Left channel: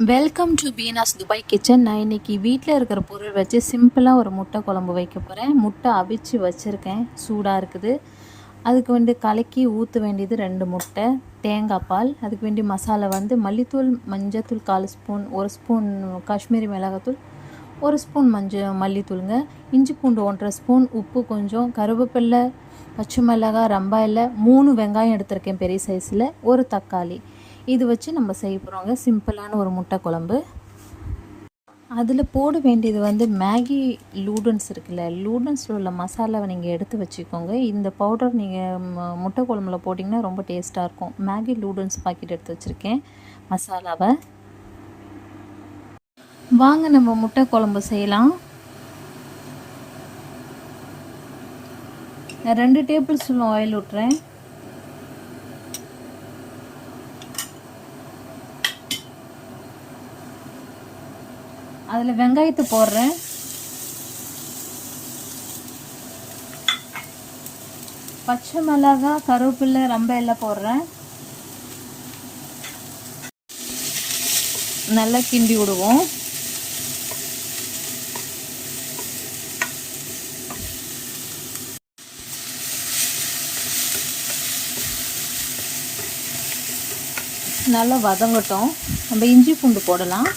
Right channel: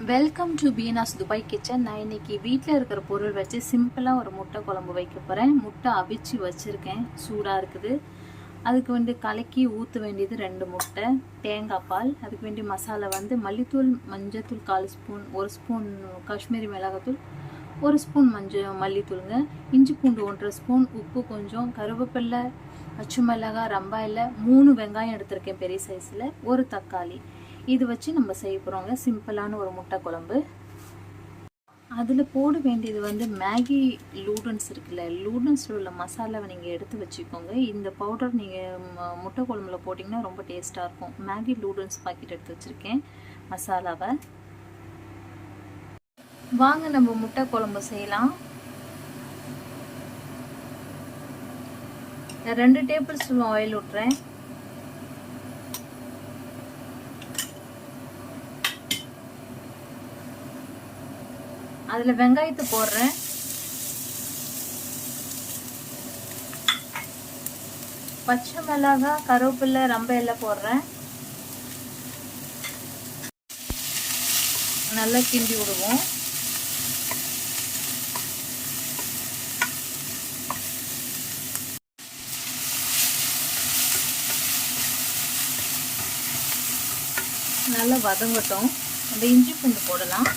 Welcome to Beena's Dubai kitchen. நான் இன்றைக்கி வீட்டில் இருக்கிற பொருள் வச்சு சிம்பிளாக ஒரு முட்டை குழம்பு வைக்க போகிறேன். முட்டை அவிச்சு வச்சுருக்கேன், சூடாக இருக்குது. அதுக்கு கலக்கி ஊற்ற வேண்டியது 2 முட்டை, தேங்காய் பால். அதுக்கு வேண்டிய மசாலா மல்லித்தூள், மஞ்சத்தூள் 1/4 ஸ்பூன், 1 ஸ்பூன் காஷ்மீரி மிளகாத்தூள், 1 ஸ்பூன் மல்லித்தூளுங்க, இஞ்சி பூண்டு 1/2 ஸ்பூன், உப்பு கொஞ்சம், கருவேப்பிலை, பச்சை மிளகாய், ரம்பாய் இல்லை, 3 வெங்காயம் எடுத்திருக்கேன் பெரிய சைஸில், 1 தக்காளி. இது வச்சு நம்ம செய்ய போகிறோங்க சிம்பிளான ஒரு முட்டை குழம்பு. அதில் போட வேண்டியது மேகி லூடன்ஸ் இருக்குல்ல, லூடன்ஸில் உள்ள மசாலாவை நீங்கள் எடுத்து வச்சுக்கோங்க. இந்த பவுடர் நீங்கள் முட்டை குழம்புல போட்டிங்கன்னா ரொம்ப டேஸ்ட்டாக இருக்கும். மேகி லூடன்ஸ் பாக்கெட் எடுத்து வச்சுருக்கேன் மசாலாவை. வாங்க நம்ம முட்டை குழம்பு செய்யலாம். 2 டேபிள் ஸ்பூன் ஆயில் விட்டுறேன். அதில் வெங்காயத்தை போடுறேன். பச்சை மிளகாய், கருவேப்பிலை, ரம்பை எல்லாம் போடுறேன். நல்லா கிண்டி விடுவோம். நல்லா வதங்கட்டும். நம்ம இஞ்சி பூண்டு போடலாம்.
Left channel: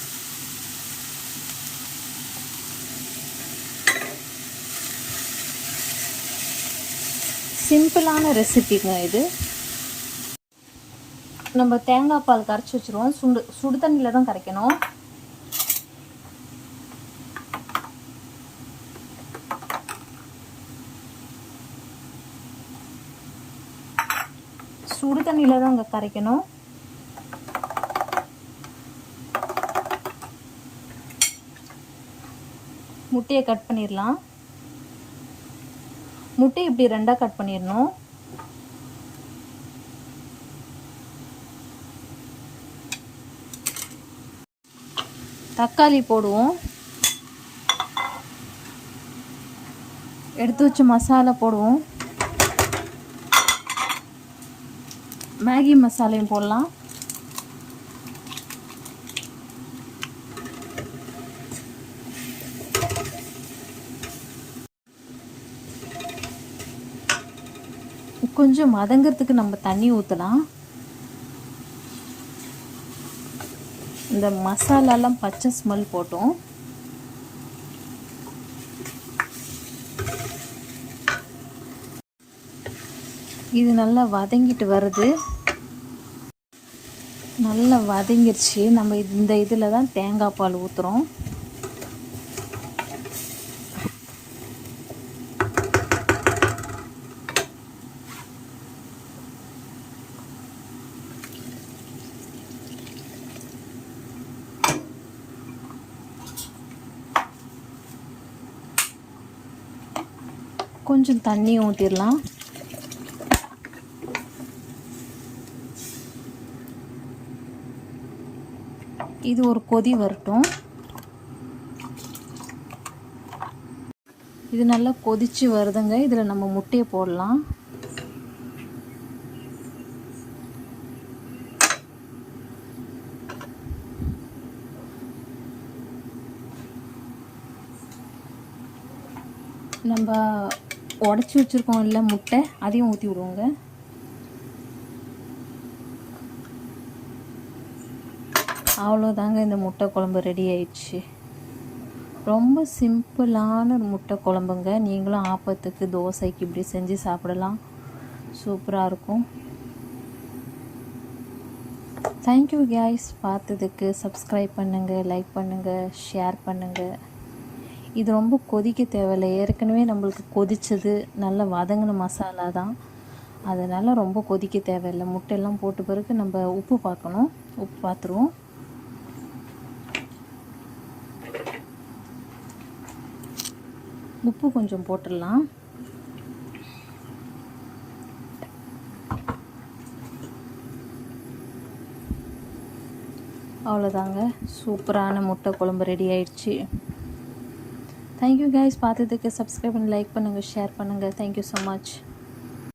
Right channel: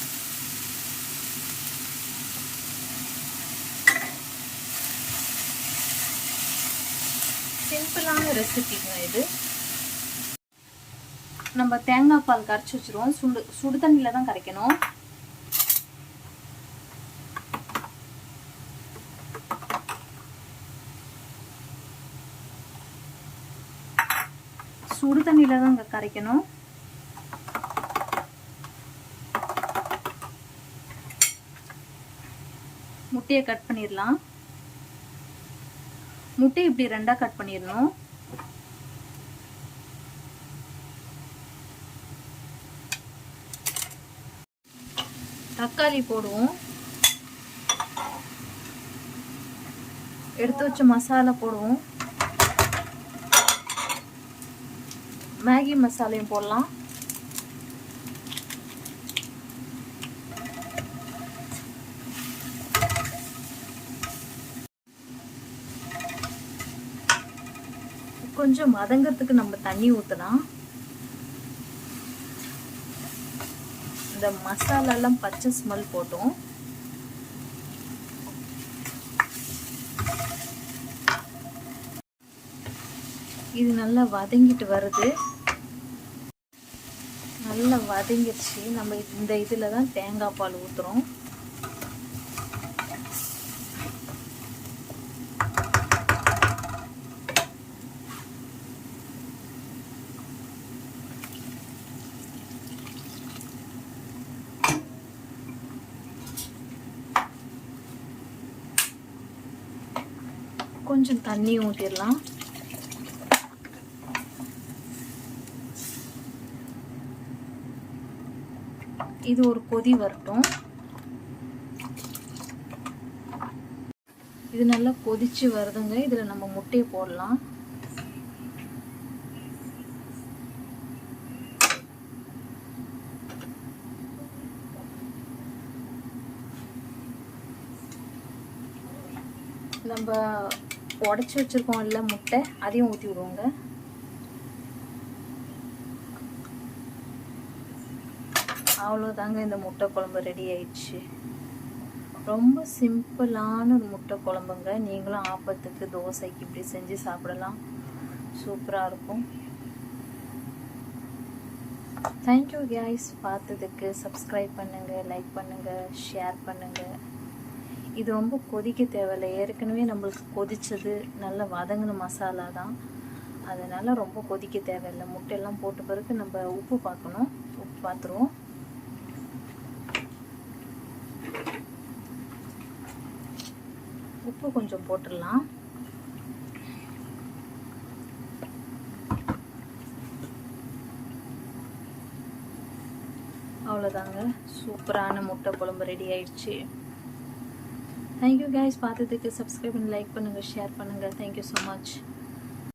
சிம்பிளான ரெசிபிங்க இது. நம்ம தேங்காய் பால் கரைச்சி வச்சுருவோம். சுடு தண்ணியில் தான் கரைக்கணும். சுடு தண்ணியில் தான் கரைக்கணும். முட்டையை கட் பண்ணிடலாம். முட்டை இப்படி 2ஆ கட் பண்ணிடணும். தக்காளி போடுவோம். எடுத்து வச்ச மசாலா போடுவோம். மேகி மசாலையும் போடலாம். கொஞ்சம் மதங்கிறதுக்கு நம்ம தண்ணி ஊற்றலாம். இந்த மசாலாலாம் பச்சை ஸ்மெல் போட்டோம். இது நல்லா வதங்கிட்டு வருது. நல்லா வதங்கிருச்சு. நம்ம இந்த இதில் தான் தேங்காய் பால் ஊற்றுறோம். கொஞ்சம் தண்ணி ஊற்றிடலாம். இது ஒரு கொதி வரட்டும். இது நல்லா கொதிச்சு வருதுங்க. இதில் நம்ம முட்டையை போடலாம். நம்ம உடச்சி வச்சுருக்கோம் இல்லை முட்டை, அதையும் ஊற்றி விடுவோங்க. அவ்வளோதாங்க, இந்த முட்டை குழம்பு ரெடி ஆயிடுச்சு. ரொம்ப சிம்பிளான ஒரு முட்டை குழம்புங்க. நீங்களும் ஆப்பத்துக்கு, தோசைக்கு இப்படி செஞ்சு சாப்பிடலாம். சூப்பராக இருக்கும். Thank you guys. பார்த்ததுக்கு சப்ஸ்கிரைப் பண்ணுங்கள், லைக் பண்ணுங்கள், ஷேர் பண்ணுங்கள். இது ரொம்ப கொதிக்க தேவையில்லை. ஏற்கனவே நம்மளுக்கு கொதித்தது நல்ல வதங்கின மசாலா தான். அதனால் ரொம்ப கொதிக்க தேவையில்லை. முட்டையெல்லாம் போட்ட பிறகு நம்ம உப்பு பார்க்கணும். உப்பு பார்த்துருவோம். உப்பு கொஞ்சம் போட்டுடலாம். அவ்வளோதாங்க, சூப்பரான முட்டை குழம்பு ரெடி ஆயிடுச்சு. Thank you guys. பார்த்ததுக்கு சப்ஸ்கிரைப் பண்ணி லைக் பண்ணுங்கள், ஷேர் பண்ணுங்கள். Thank you so much.